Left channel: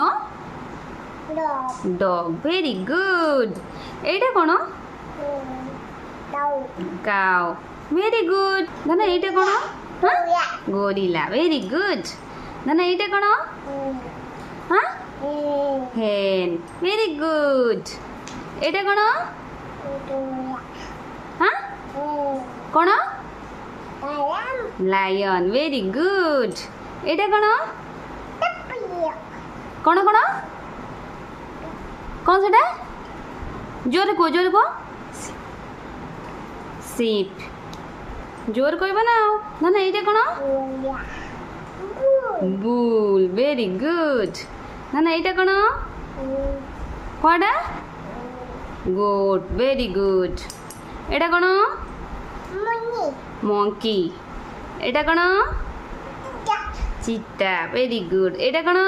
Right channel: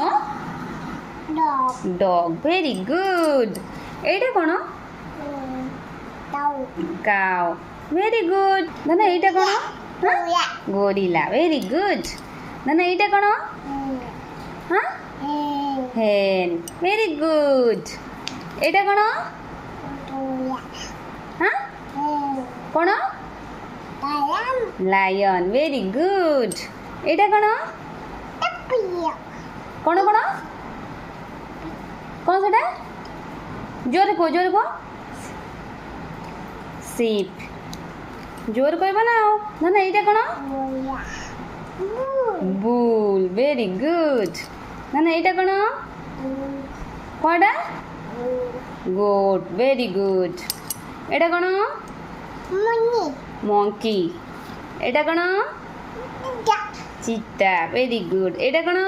কোন? Dog, very good. এইটা কোন? Cow, very good. ধানা এইটা কোন? হ্যাঁ, গরিলা, ভেরি গুড। ধানা এইটা কোন? হ্যাঁ, হেন, ভেরি গুড। এটা কোন? হ্যাঁ, কোন? Lion, very good. এটা কোন? কোন কোন? কোন সেটা? জোরে কো, জোরে কো। শিপ, জোর কইবা না। না না, এইটা কোন? বুল, ভেরি গুড। না না, এইটা কোন? কোনটা? Goat, very good. এটা কোন? মঙ্কি। এটা কোন? চিতা, ভেরি গুড। এটা কোন?